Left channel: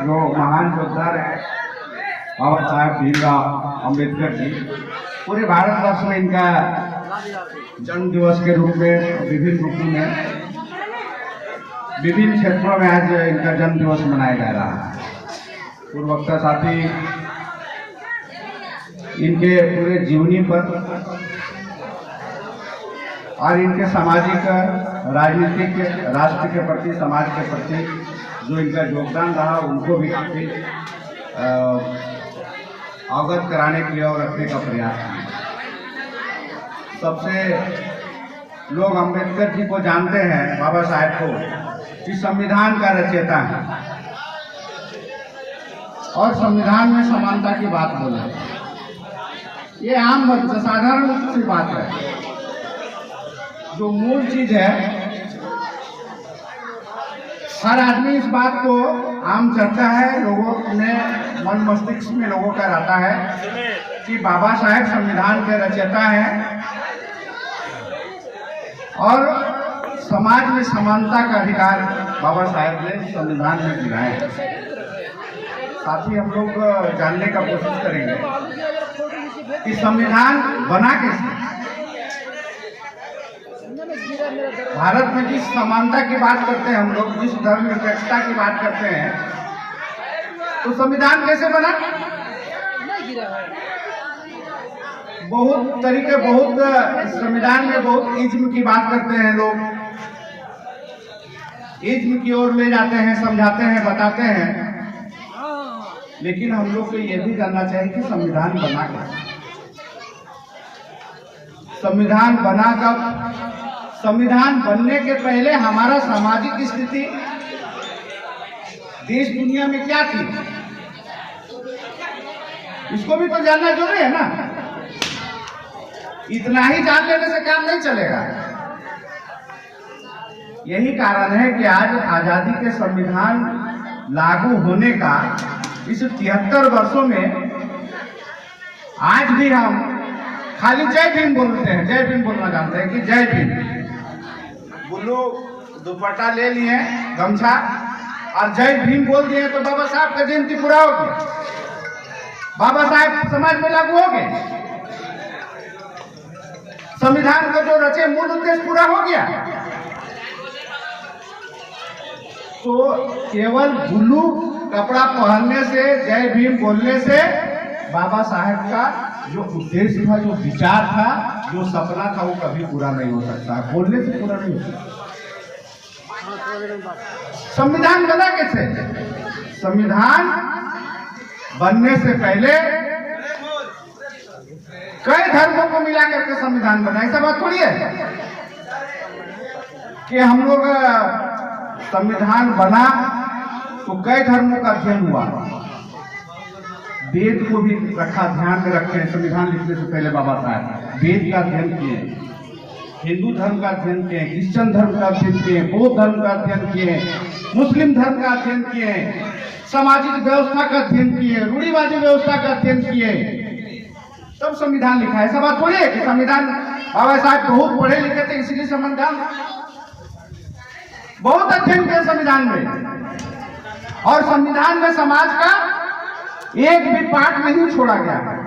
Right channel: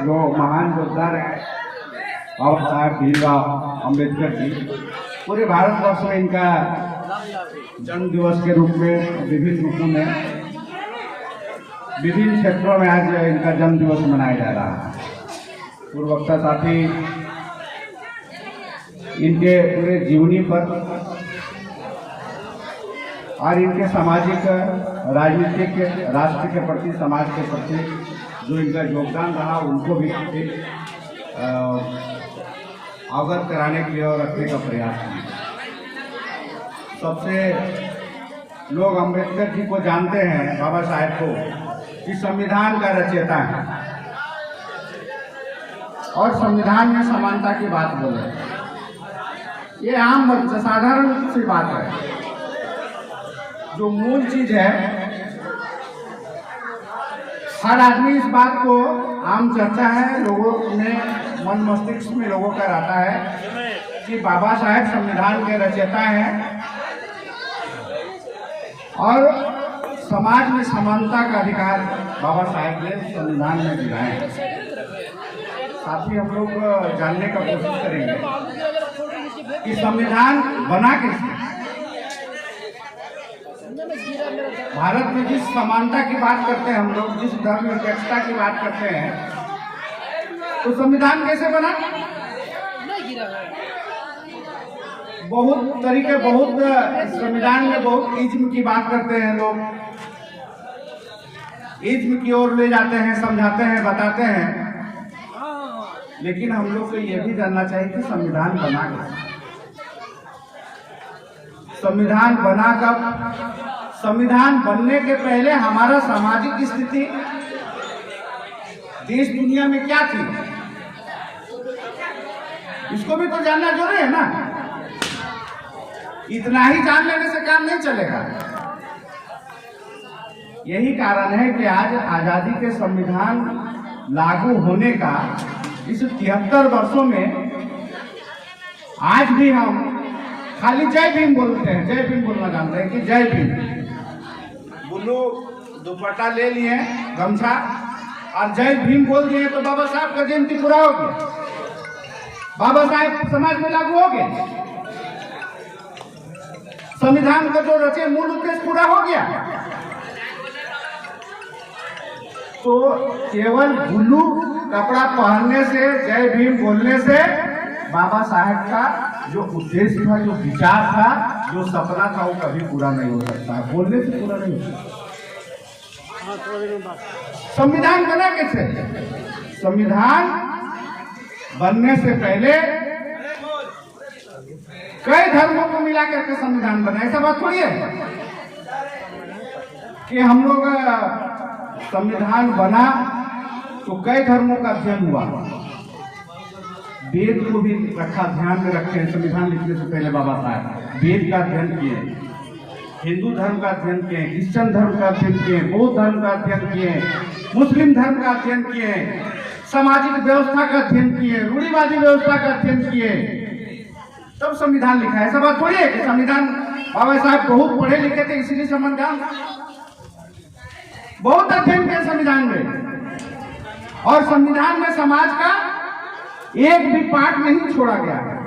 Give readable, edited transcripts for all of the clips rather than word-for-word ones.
जो महान योद्धा रहे बाबा साहेब भीमराव अम्बेडकर जी, पूरे भारतवर्ष में इनका जन्म दिवस के रूप में विभिन्न रूपों में विभिन्न क्षेत्रों में आज इनका जन्म दिवस मनाया जा रहा है। पूर्व वक्ता साथी इनके पूरे जीवनी पर और इनके सामाजिक, राजनीतिक, राष्ट्र के प्रति, समाज के प्रति जो इनका योगदान रहा उनको भी काफी अवगत कराने के लिए और रखने का प्रयास किया। सबसे लोग अम्बेडकर जी को जानते हैं, बाबा साहेब को, कि संविधान का रचयिता है और संविधान में समानता की बात बोले। ये आम साधारण सी बात है। जो मूल चीज है, हर आदमी इस बात को आम चर्चा है, लोगों में मन मस्तिष्क में लोगों का रहता है कि बाबा साहेब संविधान के रचयिता हैं और समाज में समानता का अधिकार बाबा साहेब ने संविधान में दिया है। साथ ही हम लोग जानने का कोशिश करेंगे कि संविधान बना कैसे। भारत में जिस समानता की बात करते हैं हम लोग, जिस धर्मनिरपेक्षता की बात करते हैं, तो संविधान कैसे बना? बहुत तरीके, बहुत संविधान में बहुत इज्म की बात करते हैं लोग, इज्म की ओर ले जाते हैं, समझाते हैं, बताते हैं। लेकिन हम लोग को यह भी जानना चाहिए कि संविधान बना कैसे। संविधान बना कब? संविधान बनने के पहले हमारा सामाजिक स्थिति देश दुनिया में क्या थी, इसको भी तो जानना जरूरी है ना। इतना ही जान लेने से काम नहीं चलेगा। यही कारण है कि आज आजादी के संविधान लागू होने का इस 73 वर्षों में आज भी हम खाली जय भीम बोलते हैं, जय भीम बोलना जानते हैं कि जय भीम। बुल्लू दुपट्टा ले लिए, गमछा, और जय भीम बोल दिए तो बाबा साहब का जयंती पूरा हो गया, बाबा साहब समाज में लागू हो गए, संविधान का जो रचे मूल उद्देश्य पूरा हो गया। तो केवल ब्लू कपड़ा पहनने से, जय भीम बोलने से बाबा साहेब का जो उद्देश्य था, जो विचार था, जो सपना था, वो कभी पूरा नहीं हो सकता। बोलने से पूरा नहीं हो सकता। संविधान बना कैसे? संविधान बनने से पहले कई धर्मों को मिला करके संविधान बना। ऐसा बात थोड़ी है कि हम लोग संविधान बना तो कई धर्मों का अध्ययन हुआ। वेद को भी रखा, ध्यान में रखे। संविधान लिखने से पहले बाबा साहब वेद का अध्ययन किए, हिंदू धर्म का अध्ययन किए, क्रिश्चियन धर्म का अध्ययन किए, बौद्ध धर्म का अध्ययन किए, मुस्लिम धर्म का अध्ययन किए, सामाजिक व्यवस्था का अध्ययन किए, रूढ़िवादी व्यवस्था का अध्ययन किए, तब संविधान लिखा है। ऐसा बात थोड़ी है कि संविधान बाबा साहब बहुत पढ़े लिखे थे इसलिए संविधान, बहुत अध्ययन किया संविधान में। और संविधान में समाज का एक भी पार्ट नहीं छोड़ा गया है।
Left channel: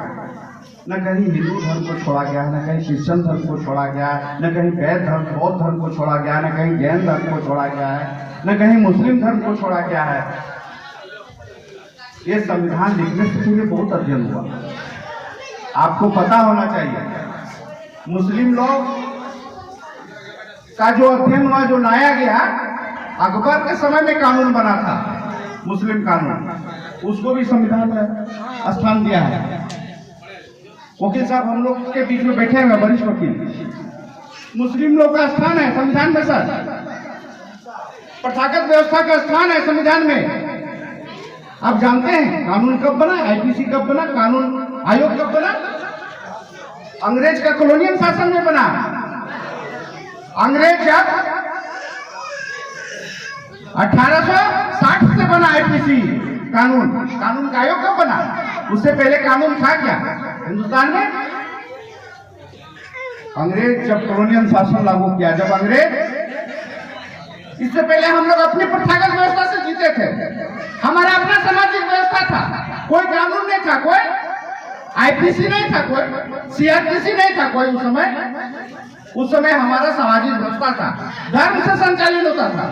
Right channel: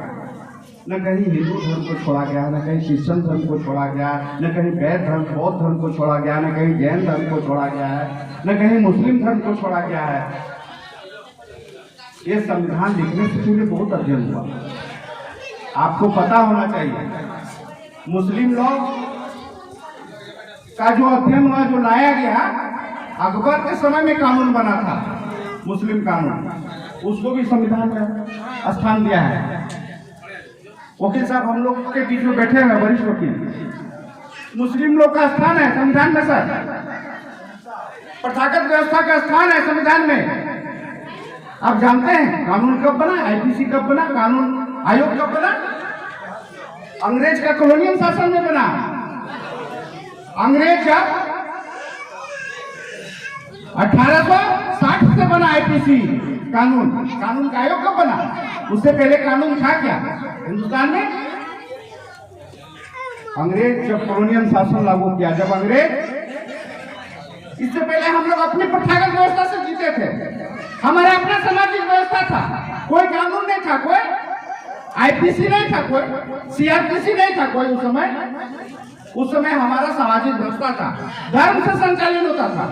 न कहीं हिंदू धर्म को छोड़ा गया, न कहीं क्रिश्चियन धर्म को छोड़ा गया, न कहीं वैद्य धर्म, बौद्ध धर्म को छोड़ा गया, न कहीं जैन धर्म को छोड़ा गया है, न कहीं मुस्लिम धर्म को छोड़ा गया है। ये संविधान लिखने से पहले बहुत अध्ययन हुआ। आपको पता होना चाहिए, मुस्लिम लोग का जो अध्ययन हुआ, जो लाया गया, अकबर के समय में कानून बना था, मुस्लिम कानून, उसको भी संविधान में स्थान दिया है। वकील साहब हम लोग के बीच में बैठे हैं, वरिष्ठ वकील, मुस्लिम लोग का स्थान है संविधान में सर, प्रथागत व्यवस्था का स्थान है संविधान में। आप जानते हैं कानून कब बना, आईपीसी कब बना, कानून आयोग कब बना? अंग्रेज का कॉलोनियल शासन में बना। अंग्रेज जब 1860 से बना आईपीसी कानून, कानून का आयोग कब बना? उससे पहले कानून था क्या हिंदुस्तान में? अंग्रेज जब कॉलोनियल शासन लागू किया, जब अंग्रेज, इससे पहले हम लोग अपनी प्रथागत व्यवस्था से जीते थे, हमारा अपना आईपीसी नहीं था कोई, सीआरपीसी नहीं था कोई उस समय हमारा सामाजिक व्यवस्था था, धर्म से संचालित होता था।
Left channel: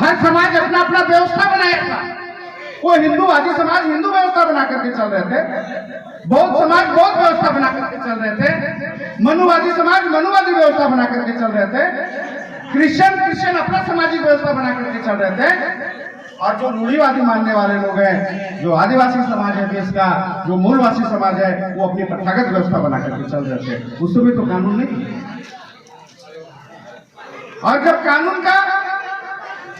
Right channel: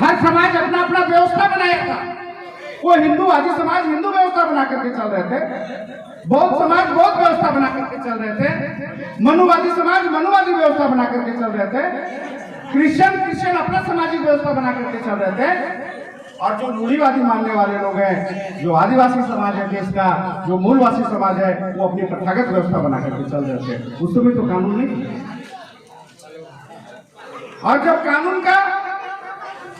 हर समाज अपना अपना व्यवस्था बनाया था। वो हिंदूवादी समाज हिंदू व्यवस्था बना करके चल रहे थे, बौद्ध समाज बौद्ध व्यवस्था बना करके चल रहे थे, मनुवादी समाज मनुवादी व्यवस्था बना करके चल रहे थे, क्रिश्चियन अपना सामाजिक व्यवस्था बना करके चल रहे थे। और जो रूढ़िवादी मानने वाले लोग हैं, जो आदिवासी समाज है देश का, जो मूलवासी समाज है, वो अपनी प्रथागत व्यवस्था बना करके चल रहे थे। उस समय तो कानून नहीं। और जब कानून का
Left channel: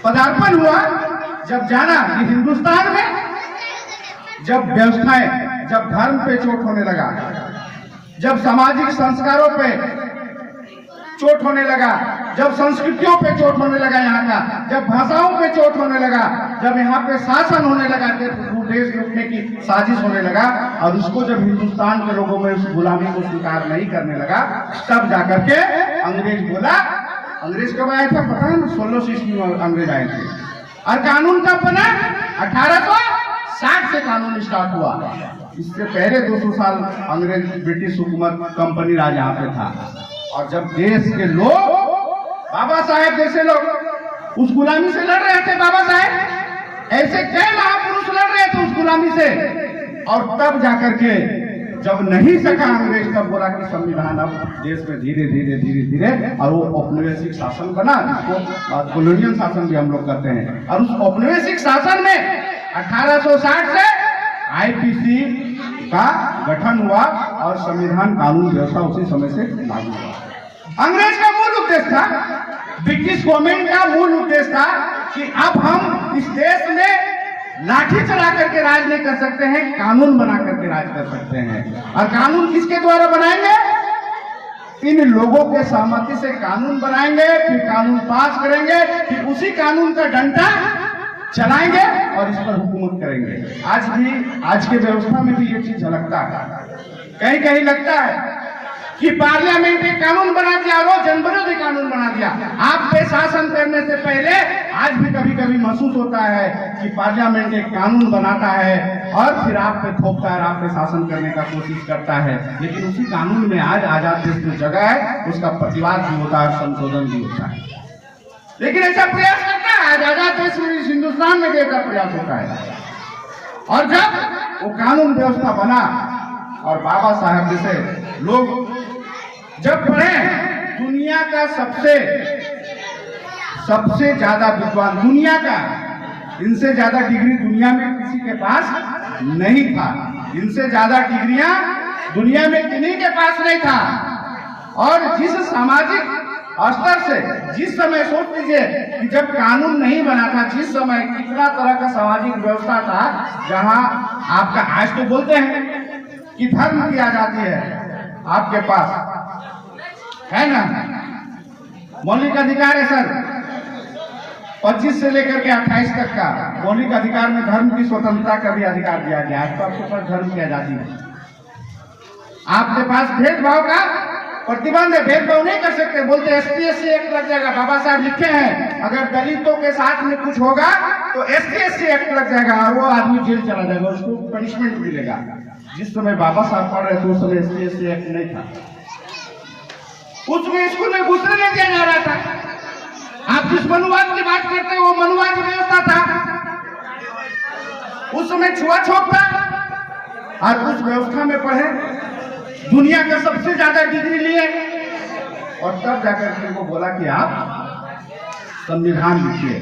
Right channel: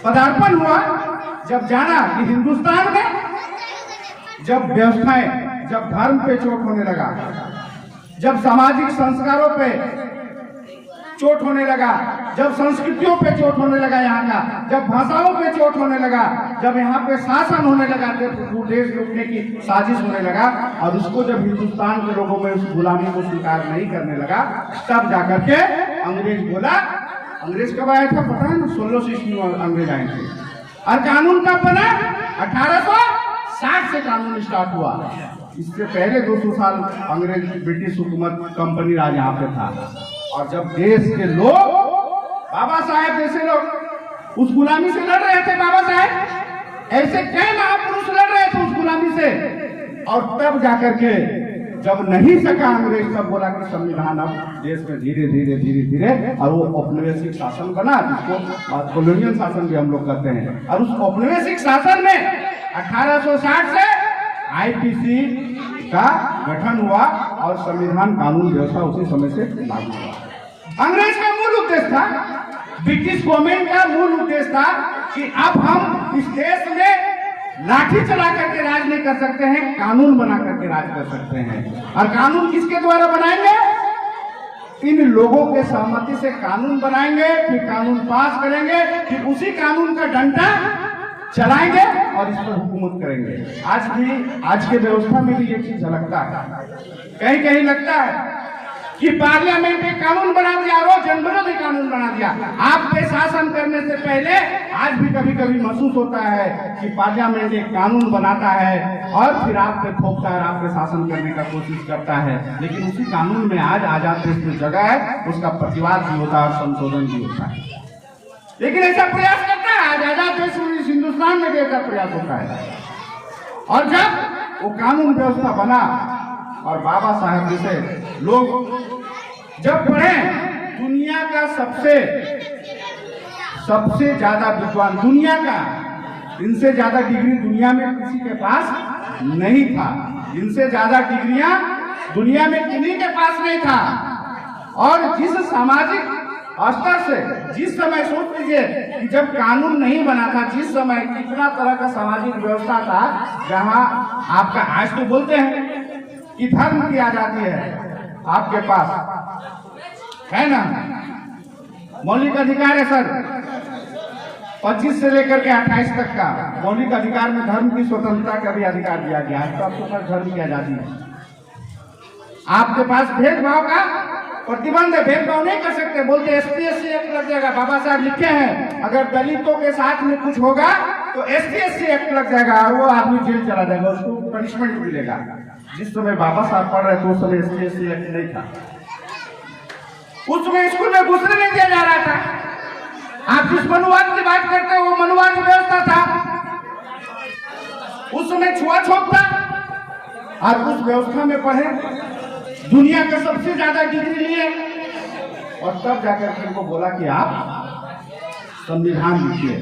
पदार्पण हुआ, जब जाना कि हिंदुस्तान में जब व्यवस्थाएं, जब धर्म पे चोट होने लगा, जब सामाजिक संस्कारों पे चोट होने लगा, जब संस्कृतियों पे चोट होने लगा यहाँ का, जब भाषाओं पे चोट होने लगा, जब यहाँ पे शासन होने लगा, देश लूटने की साजिश होने लगा, और उसको जब हिंदुस्तान के लोगों में उस गुलामी को स्वीकार नहीं करने लगा, तब जाकर के अंग्रेज बोला। अंग्रेज कब आया था पता है ना? 1600 ईस्वी में अंग्रेज आए थे। और कानून कब बना? 1860 से कानून स्टार्ट हुआ। इससे पहले 200 साल अंग्रेज ब्रिटिश हुकूमत कंपनी राज यहाँ पे था। और जब देश के लोग, बाबा साहेब जैसे लोग उस गुलामी से लड़ रहे थे, बाबा साहेब ऐसे कई महापुरुष लड़ रहे थे उस गुलामी से, और तब जाकर के जब नहीं सका अंग्रेज, तब बोला कि संविधान अब देश में धीरे धीरे और वो औपनिवेशिक शासन बना, जिसको कॉलोनियल शासन भी हम लोग कहते हैं। और उस औपनिवेशिक शासन में 1860 से आईपीसी का गठन हुआ और संविधान कानून व्यवस्था उसी समय से लागू हुआ। अंग्रेज का मूल उद्देश्य था, ब्रिटिश गवर्नमेंट का मूल उद्देश्य था कि अब हम इस देश में लाठी चला करके राज नहीं कर सकते हैं, कानून बना करके राज कर सकते हैं। और कानून किसके द्वारा बनाएंगे? इन लोगों के सहमति से कानून बनाएंगे, फिर कानून पास करेंगे, फिर उसी कानून का डंडा चलाएंगे और इस पर हुकूमत करेंगे। आज के व्यवस्था में भी ये चीज झलकता है। कहीं कहीं लगता है कि पार्लियामेंट ने कानून बना दिया, वो जनविरोधी कानून बना दिया। आप पे शासन करने से पहले आज भी कभी कभी महसूस होता है कि पार्लियामेंट एक कानून बनाता है और फिर आप पे थोपता है, आप पे शासन करने का कोशिश करता है। लेकिन उसी कानून में आज आजाद देश में जगह है, उसका प्रतिवाद भी होता है, संशोधन भी होता है। लेकिन ऐसा प्रयास करता है आजाद देश में, हिंदुस्तान में ऐसा प्रयास होता है। और जब वो कानून व्यवस्था बना और बाबा साहब जैसे लोग जब पढ़े, दुनिया का सबसे ज्यादा विद्वान, दुनिया का, इनसे ज्यादा डिग्री दुनिया में किसी के पास नहीं था, इनसे ज्यादा डिग्रियां दुनिया में किन्हीं के पास नहीं था। और जिस सामाजिक स्तर से, जिस समय सोच लीजिए कि जब कानून नहीं बना था, जिस समय कितना तरह का सामाजिक व्यवस्था था, जहां आपका, आज तो बोलते हैं कि धर्म की आजादी है आपके पास, है ना, मौलिक अधिकार है सर, 25 से लेकर के 28 तक का मौलिक अधिकार में धर्म की स्वतंत्रता का भी अधिकार दिया गया है। तो आपके पास धर्म की आजादी है, आपके पास भेदभाव का प्रतिबंध है, भेदभाव नहीं कर सकते। बोलते एसटी एससी एक्ट लग जाएगा, बाबा साहब लिखे हैं अगर दलितों के साथ में कुछ होगा तो एसटी एससी एक्ट लग जाएगा और वो आदमी जेल चला जाएगा, उसको पनिशमेंट मिलेगा। जिस समय बाबा साहब पढ़ रहे थे उस समय एसटी एससी एक्ट नहीं था, उस समय स्कूल में घुसने नहीं दिया जा रहा था। आप जिस मनुवाद की बात करते हैं वो मनुवाद की व्यवस्था था, उस समय छुआछूत था। और उस व्यवस्था में पढ़े, दुनिया का सबसे ज्यादा डिग्री लिए, और तब जाकर के उनको बोला कि आप संविधान लिखिए।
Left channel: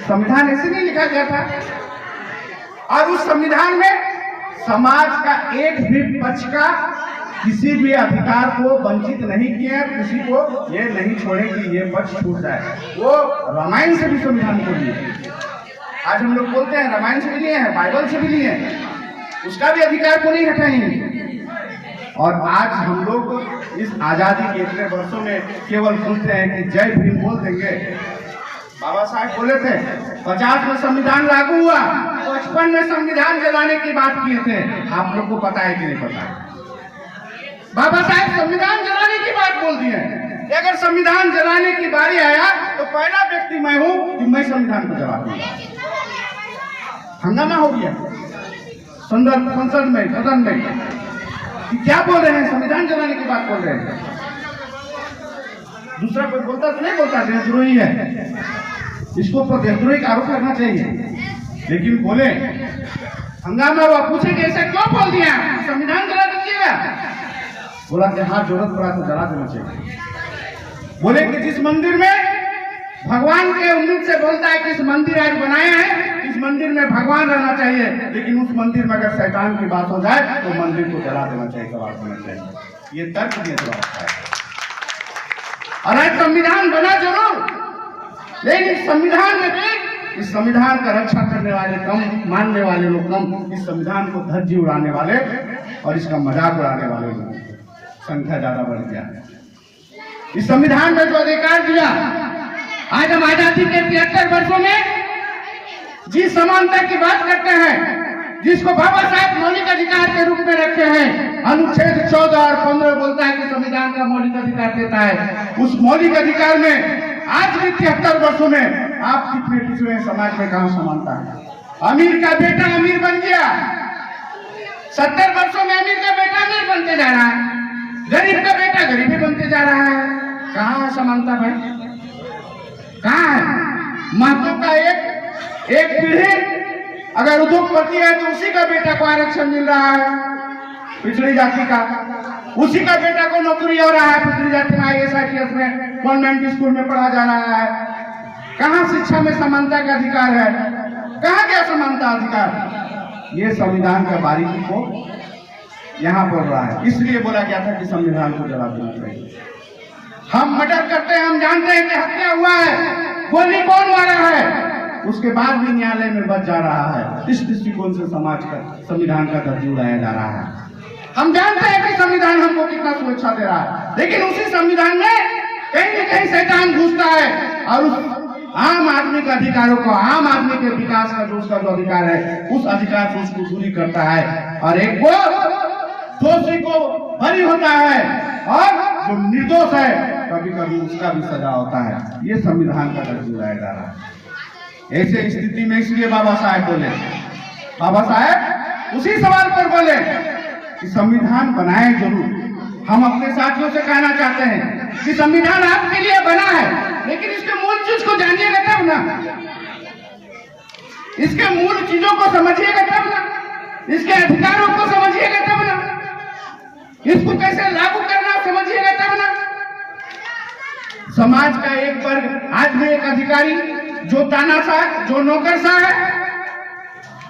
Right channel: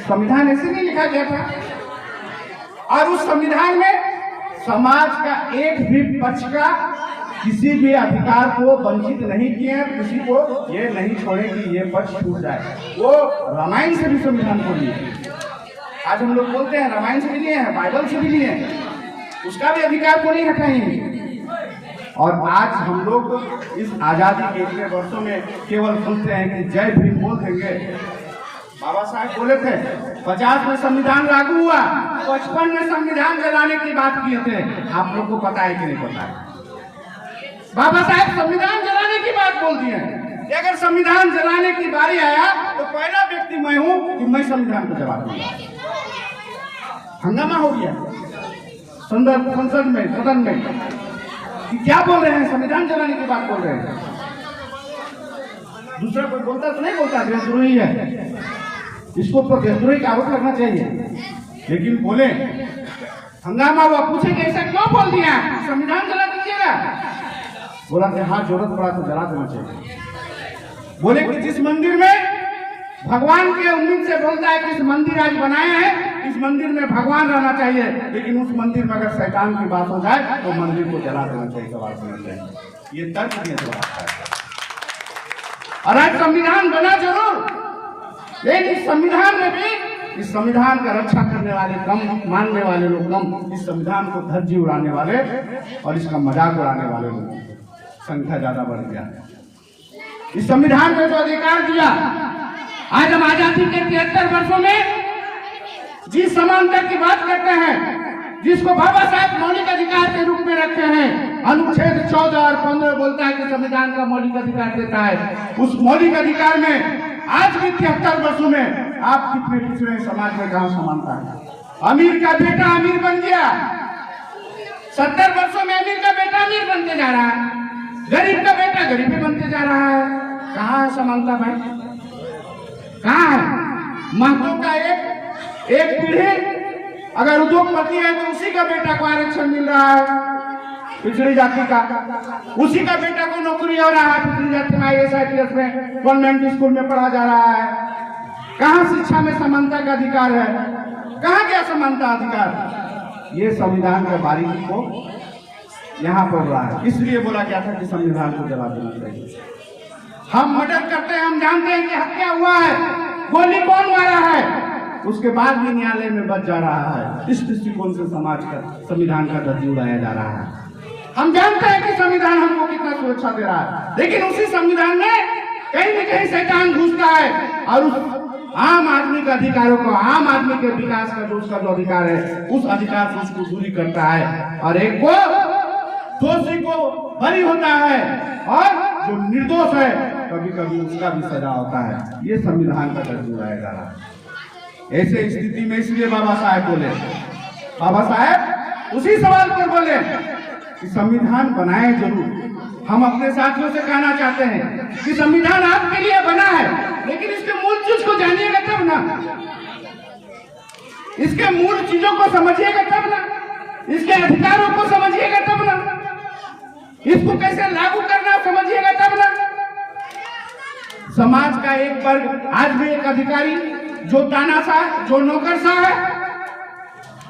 संविधान ऐसे नहीं लिखा गया था। और उस संविधान में समाज का एक भी पक्ष का किसी भी अधिकार को वंचित नहीं किया, किसी को ये नहीं छोड़े कि ये पक्ष छूट जाए। वो रामायण से भी संविधान को लिए, आज हम लोग बोलते हैं रामायण से भी लिए हैं, बाइबल से भी लिए हैं, उसका भी अधिकार को नहीं हटाएंगे। और आज हम लोग इस आजादी के इतने वर्षों में केवल सुनते हैं कि जय भीम बोल देंगे। बाबा साहब बोले थे 50 में संविधान लागू हुआ, 55 में संविधान जलाने की बात किए थे। आप लोग को पता है कि नहीं पता है? बाबा साहब संविधान जलाने की बात बोल दिए। अगर संविधान जलाने की बारी आया तो पहला व्यक्ति मैं हूं कि मैं संविधान को जला दूंगा। हंगामा हो गया, संसद में, सदन में कि क्या बोल रहे हैं, संविधान जलाने की बात बोल रहे हैं। दूसरा कोई बोलता तो नहीं बोलता देशद्रोही है, इसको तो देशद्रोही का आरोप करना चाहिए, लेकिन बोले हंगामा हुआ, पूछे कि ऐसा क्यों बोल दिया, संविधान जला दीजिएगा। बोला कि हाँ जरूरत पड़ा तो जला देना चाहिए। बोले कि जिस मंदिर में भगवान के उम्मीद से बोलता है कि इस मंदिर आज बनाए हैं, इस मंदिर में भगवान रहना चाहिए, लेकिन उस मंदिर में अगर शैतान की बात हो जाए तो मंदिर को जला देना चाहिए, कबाड़ देना चाहिए। ये तर्क दिया जवाब है। और आज संविधान बना जरूर, लेकिन इस संविधान में भी इस संविधान का रक्षा करने वाले कम, मानने वाले लोग कम, इस संविधान को धज्जी उड़ाने वाले और इसका मजाक उड़ाने वाले लोग संख्या ज्यादा बढ़ गया। इस संविधान में जो अधिकार दिया, आज हम आजादी के 73 वर्षों में जिस समानता की बात करते हैं, जिसको बाबा साहब मौलिक अधिकार के रूप में रखे हैं, अनुच्छेद 14 और 15 बोलता है कि संविधान का मौलिक अधिकार देता है। उस मौलिक अधिकार में आज भी 73 वर्षों में आप कितने पिछड़े समाज में कहां समानता है। अमीर का बेटा अमीर बन गया, 70 वर्षों में अमीर का बेटा अमीर बनते जा रहा है, गरीब का बेटा गरीबी बनते जा रहा है। कहाँ है समानता भाई, कहाँ है। महतो का एक पीढ़ी अगर उद्योगपति है तो उसी का बेटा को आरक्षण मिल रहा है, पिछड़ी जाति का, उसी का बेटा को नौकरी हो रहा है, पिछड़ी जाति में IAS IPS में कॉन्वेंट स्कूल में पढ़ा जा रहा है। कहाँ शिक्षा में समानता का अधिकार है, कहाँ क्या समानता अधिकार। ये संविधान का बारीकी को यहाँ पर रहा है, इसलिए बोला गया था कि संविधान को जला देना चाहिए। हम मर्डर करते हैं, हम जानते हैं कि हत्या हुआ है, गोली कौन मारा है, उसके बाद भी न्यायालय में बच जा रहा है। इस दृष्टिकोण से समाज का संविधान का धज्जी उड़ाया जा रहा है। हम जानते हैं कि संविधान हमको कितना सुरक्षा दे रहा है, लेकिन उसी संविधान में कहीं न कहीं शैतान घुसता है और उस आम आदमी के अधिकारों को, आम आदमी के विकास का जो उसका जो अधिकार है, उस अधिकार से उसको दूरी करता है और एक को दोषी को बरी होता है और जो निर्दोष है कभी कभी उसका भी सजा होता है। ये संविधान का धज्जी उड़ाया जा रहा है। ऐसे स्थिति में इसलिए बाबा साहेब बोले, बाबा साहेब उसी सवाल पर बोले कि संविधान बनाए जरूर। हम अपने साथियों से कहना चाहते हैं कि संविधान आपके लिए बना है, लेकिन इसके मूल चीज को जानिएगा तब ना, इसके मूल चीजों को समझिएगा तब ना, इसके अधिकारों को समझिएगा तब ना, इसको कैसे लागू करना समझिएगा तब ना। समाज का एक वर्ग, आज भी एक अधिकारी जो तानाशाह, जो नौकरशाह है,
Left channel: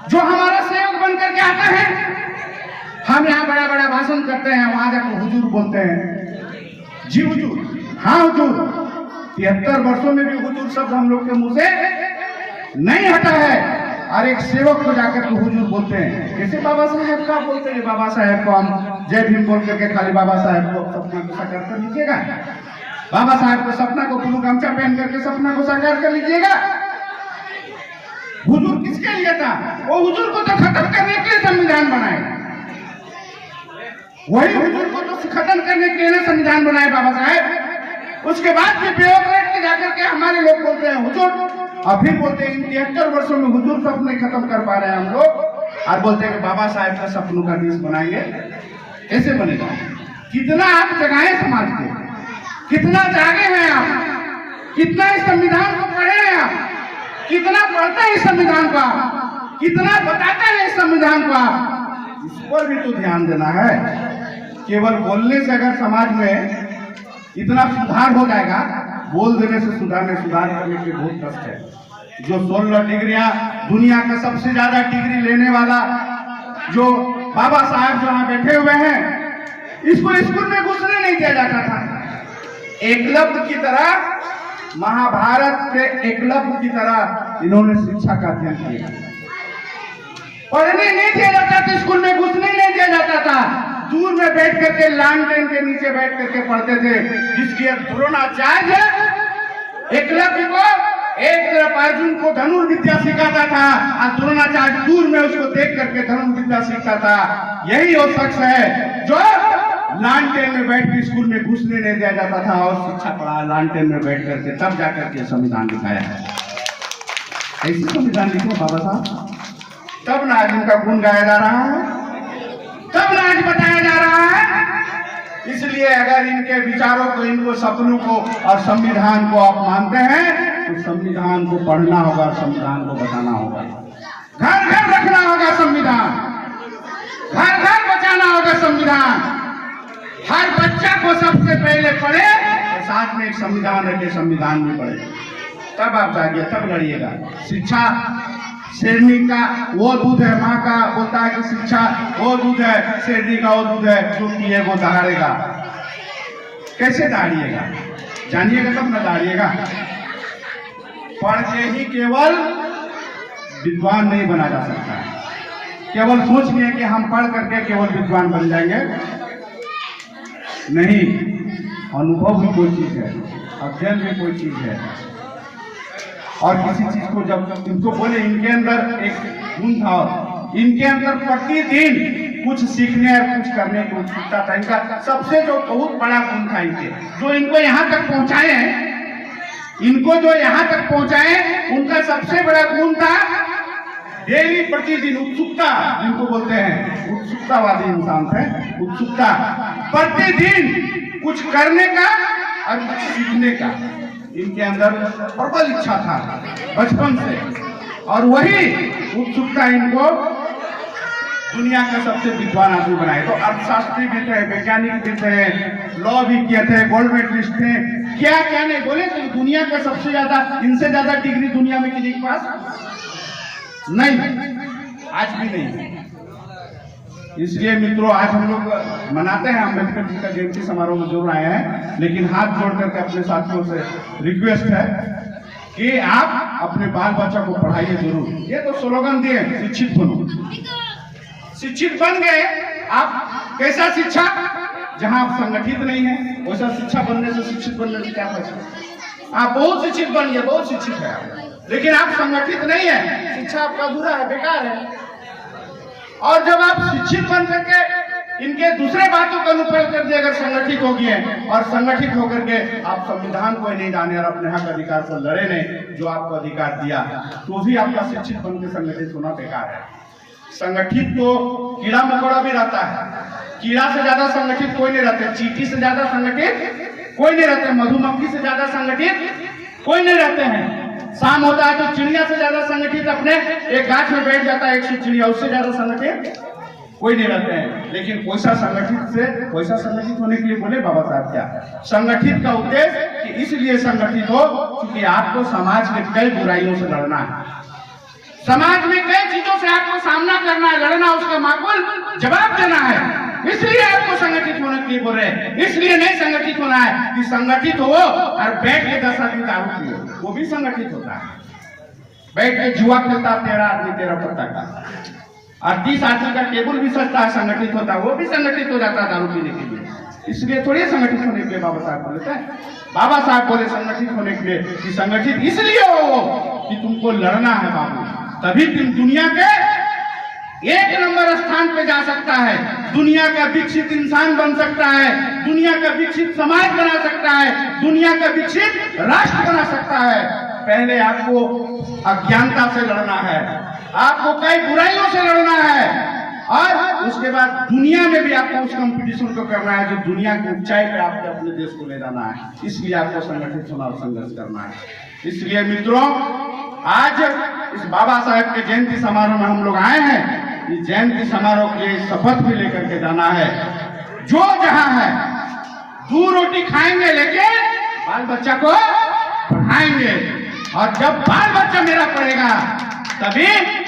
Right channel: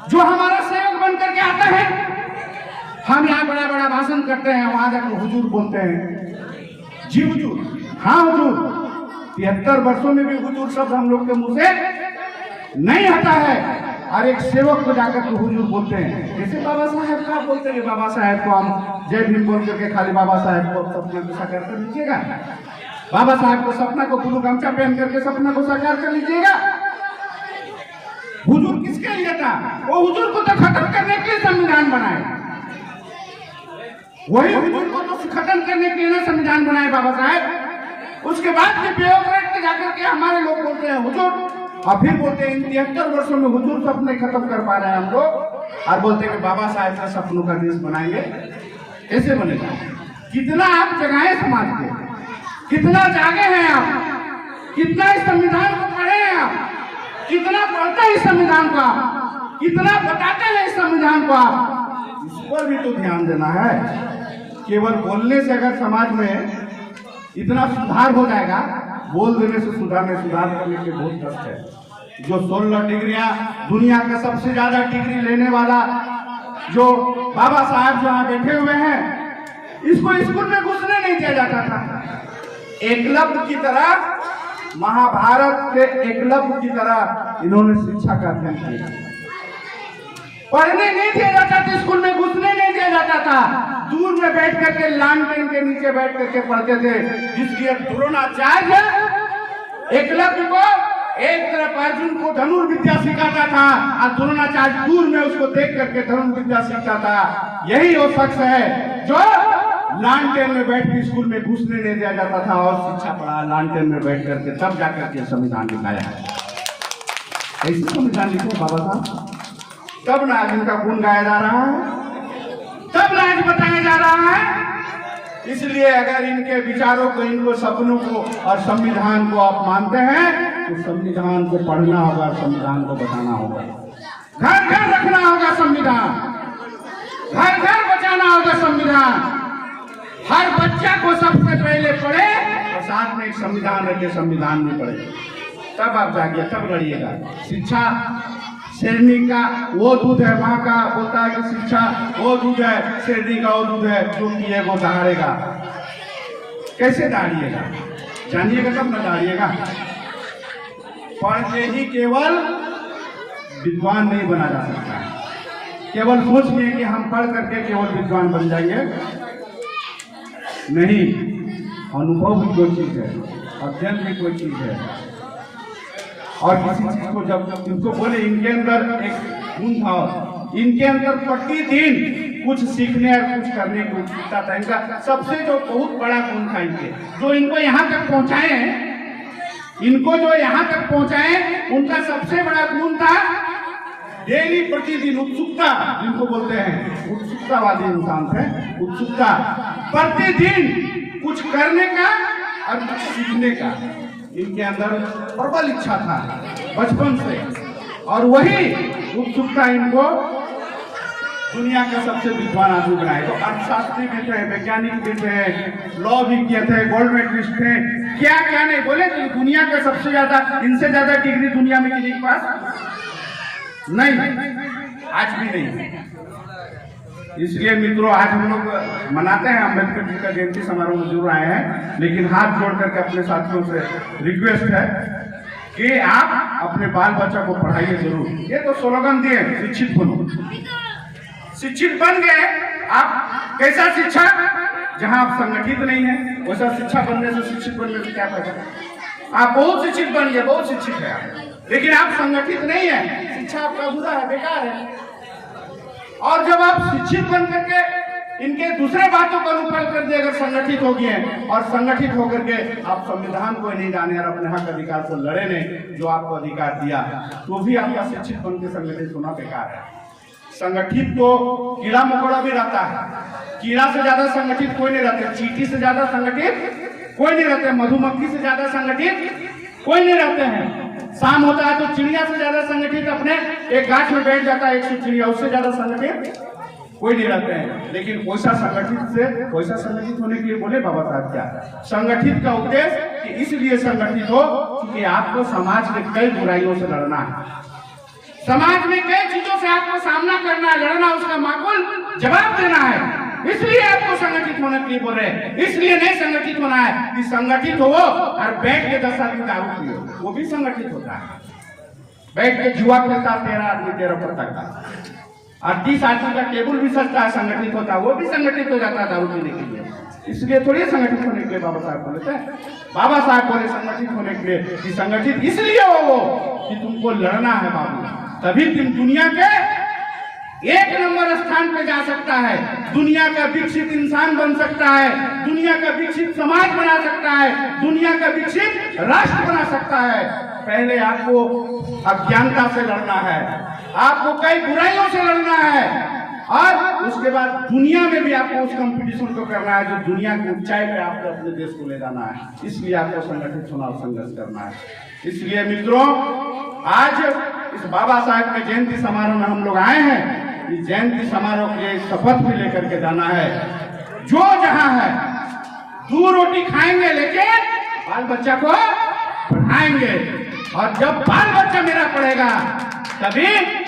जो हमारा सहयोग बन करके आता है, हम यहाँ बड़ा बड़ा भाषण करते हैं, वहां जाकर हुजूर बोलते हैं। जी हुजूर, हाँ हुजूर, 73 वर्षों में भी हुजूर शब्द हम लोग के मुंह से नहीं हटा है। और एक सेवक को जाकर के हुजूर बोलते हैं, कैसे बाबा साहेब का बोलते हैं, बाबा साहेब को हम जय भीम बोल करके खाली बाबा साहेब को सपना को साकार कर लीजिएगा, बाबा साहेब को सपना को ब्लू गमछा पहन करके सपना को साकार कर लीजिएगा। हुजूर किसके लिए था, वो हुजूर को तो खत्म करने के लिए संविधान बनाए, वही हुजूर को तो खत्म करने के लिए संविधान बनाए बाबा साहेब। उसके बाद भी ब्यूरोक्रेट के जाकर के हमारे लोग बोलते हैं हुजूर, और फिर बोलते हैं इन 73 वर्षों में हुजूर सपने खत्म कर पा रहे हैं हम लोग, और बोलते हैं बाबा साहेब का सपनों का देश बनाएंगे। कैसे बनेगा। कितना आप जगाए समाज के, कितना जागे हैं आप, कितना इस संविधान को पढ़े हैं आप, कितना पढ़ते हैं इस संविधान को आप, कितना बताते हैं इस संविधान को आप, इस पर भी तो ध्यान देना है। केवल बोलने से अगर समाज में इतना सुधार हो जाएगा, बोल देने से सुधार करने के बहुत कष्ट है। जो 16 डिग्रियां, दुनिया का सबसे ज्यादा डिग्री लेने वाला जो बाबा साहब जो यहाँ बैठे हुए हैं, इसको स्कूल में घुसने नहीं दिया जाता था। एकलव्य की तरह, महाभारत के एकलव्य की तरह इन्होंने शिक्षा का अध्ययन किया। पढ़ने नहीं दिया जाता था, स्कूल में घुसने नहीं दिया जाता था, दूर में बैठ करके लालटेन के नीचे बैठ करके पढ़ते थे। जिसकी द्रोणाचार्य एकलव्य को, एक तरफ अर्जुन को धनुर्विद्या सिखाता था और द्रोणाचार्य दूर में उसको देख करके धनुर्विद्या सीखता था। यही वो शख्स है जो लालटेन में बैठ के स्कूल में घुसने नहीं दिया जाता था और शिक्षा पढ़ा लालटेन में बैठ करके, तब जाकर के संविधान लिखाया है। ऐसी संविधान लिखो बाबा साहब, तब ना आज इनका गुण गाया जा रहा है, तब ना आज बताया जा रहा है। इसलिए अगर इनके विचारों को, इनको सपनों को और संविधान को आप मानते हैं तो संविधान को पढ़ना होगा, संविधान को बताना होगा, घर घर रखना होगा संविधान, घर घर बचाना होगा संविधान। हर बच्चा को सबसे पहले पढ़े और साथ में एक संविधान रखे, संविधान में पढ़े, तब आप जाइए, तब लड़िएगा। शिक्षा शेरनी का वो दूध है, माँ का बोलता है कि शिक्षा वो दूध है, शेरनी का वो दूध है, जो पिए वो दहाड़ेगा। कैसे दहाड़िएगा? जानिएगा तब न दहाड़िएगा। पढ़ के ही केवल विद्वान नहीं बना जा सकता है। केवल सोच लिए कि हम पढ़ करके केवल विद्वान बन जाएंगे, नहीं। अनुभव भी कोई चीज है, अध्ययन भी कोई चीज है। और किसी चीज को जब इनको बोले, इनके अंदर एक गुण था, इनके अंदर प्रतिदिन कुछ सीखने और कुछ करने की उत्सुकता था। इनका सबसे जो बहुत बड़ा गुण था इनके, जो इनको यहाँ तक पहुंचाए हैं, इनको जो यहाँ तक पहुंचाए, उनका सबसे बड़ा गुण था डेली, प्रतिदिन उत्सुकता, जिनको बोलते हैं उत्सुकतावादी इंसान थे। उत्सुकता, प्रतिदिन कुछ करने का और कुछ सीखने का इनके अंदर प्रबल इच्छा था बचपन से, और वही उत्सुकता इनको दुनिया का सबसे विद्वान आदमी बनाए। तो अर्थशास्त्री भी थे, वैज्ञानिक भी थे, लॉ भी किए थे, गोल्ड मेडलिस्ट थे, क्या क्या नहीं बोले। तो दुनिया का सबसे ज्यादा, इनसे ज्यादा डिग्री दुनिया में किसी के पास नहीं, आज भी नहीं। इसलिए मित्रों, आज हम लोग मनाते हैं अम्बेडकर जी का जयंती समारोह में जरूर आए हैं, लेकिन हाथ जोड़ करके अपने साथियों से रिक्वेस्ट है कि आप अपने बाल बच्चा को पढ़ाइए जरूर। ये तो स्लोगन दिए, शिक्षित बनो। शिक्षित बन गए आप, कैसा शिक्षा? जहां आप संगठित नहीं है, वैसा शिक्षा बनने से, शिक्षित बनने से क्या फायदा? आप बहुत शिक्षित बन गए, बहुत शिक्षित है आप, लेकिन आप संगठित नहीं है, शिक्षा आपका बुरा है, बेकार है। और जब आप शिक्षित बन करके इनके दूसरे बातों का अनुपालन कर दिए, अगर संगठित हो गए और संगठित होकर के आप संविधान को नहीं जाने और अपने हक अधिकार को लड़े नहीं, जो आपको अधिकार दिया, तो भी आपका शिक्षित बन के संगठित होना बेकार है। संगठित तो कीड़ा मकोड़ा भी रहता है, कीड़ा से ज्यादा संगठित कोई नहीं रहते, चींटी से ज्यादा संगठित कोई नहीं रहते, मधुमक्खी से ज्यादा संगठित कोई नहीं रहते हैं। शाम होता है तो चिड़िया से ज्यादा संगठित अपने एक गाछ में बैठ जाता है 100 चिड़िया, उससे ज्यादा संगठित कोई नहीं रहते हैं। लेकिन वैसा संगठित होने के लिए बोले बाबा साहब क्या? संगठित का उद्देश्य कि इसलिए संगठित हो क्योंकि आपको समाज में कई बुराइयों से लड़ना है, समाज में कई चीजों से आपको सामना करना है, लड़ना, उसका माकूल जवाब देना है। इसलिए आपको संगठित होने के लिए बोल रहे हैं। इसलिए नहीं संगठित होना है कि संगठित हो और बैठ के 10 आदमी दारू पियो, वो भी संगठित होता है। बैठ के जुआ खेलता 13 आदमी 13 पत्ता का, और 30 आदमी का टेबल भी सजता है, संगठित होता है, वो भी संगठित हो जाता है दारू पीने के लिए। इसलिए थोड़ी संगठित होने के लिए बाबा साहब बोले थे, बाबा साहब बोले संगठित होने के लिए कि संगठित इसलिए हो कि तुमको लड़ना है बाबू, तभी तुम दुनिया के 1 नंबर स्थान पे जा सकता है, दुनिया का विकसित इंसान बन सकता है, दुनिया का विकसित समाज बना सकता है, दुनिया का विकसित राष्ट्र बना सकता है। पहले आपको अज्ञानता से लड़ना है, आपको कई बुराइयों से लड़ना है, और उसके बाद दुनिया में भी आपको उस कंपटीशन को करना है जो दुनिया की ऊंचाई पे आपको अपने देश को ले जाना है। इसलिए आपको संगठित होना और संघर्ष करना है। इसलिए मित्रों, आज इस बाबा साहेब के जयंती समारोह में हम लोग आए हैं। इस जयंती समारोह के लिए शपथ भी लेकर के जाना है, जो जहां है 2 रोटी खाएंगे लेकिन बाल बच्चा को पढ़ाएंगे, और जब बाल बच्चा मेरा पढ़ेगा तभी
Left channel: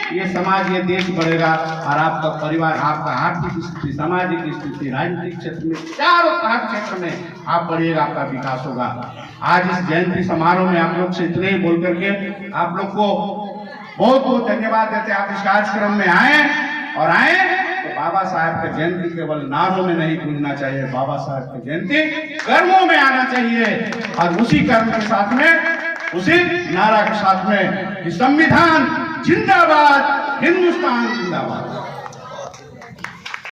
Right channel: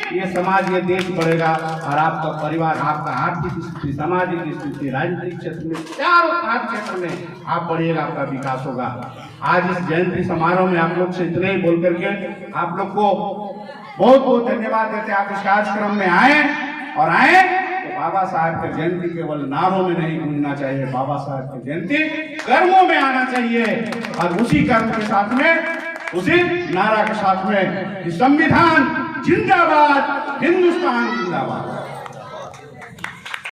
ये समाज, ये देश बढ़ेगा, और आपका परिवार, आपका आर्थिक स्थिति, सामाजिक स्थिति, राजनीतिक क्षेत्र में, चारों हर क्षेत्र में आप बढ़िएगा, आपका विकास होगा। आज इस जयंती समारोह में आप लोग से इतने ही बोल करके आप लोग को बहुत बहुत धन्यवाद देते। आप इस कार्यक्रम में आए और आए तो बाबा साहब की जयंती केवल नारों में नहीं गूंजना चाहिए, बाबा साहब की जयंती कर्मों में आना चाहिए, और उसी कर्म के साथ में, उसी नारा के साथ में संविधान जिंदाबाद, हिंदुस्तान जिंदाबाद।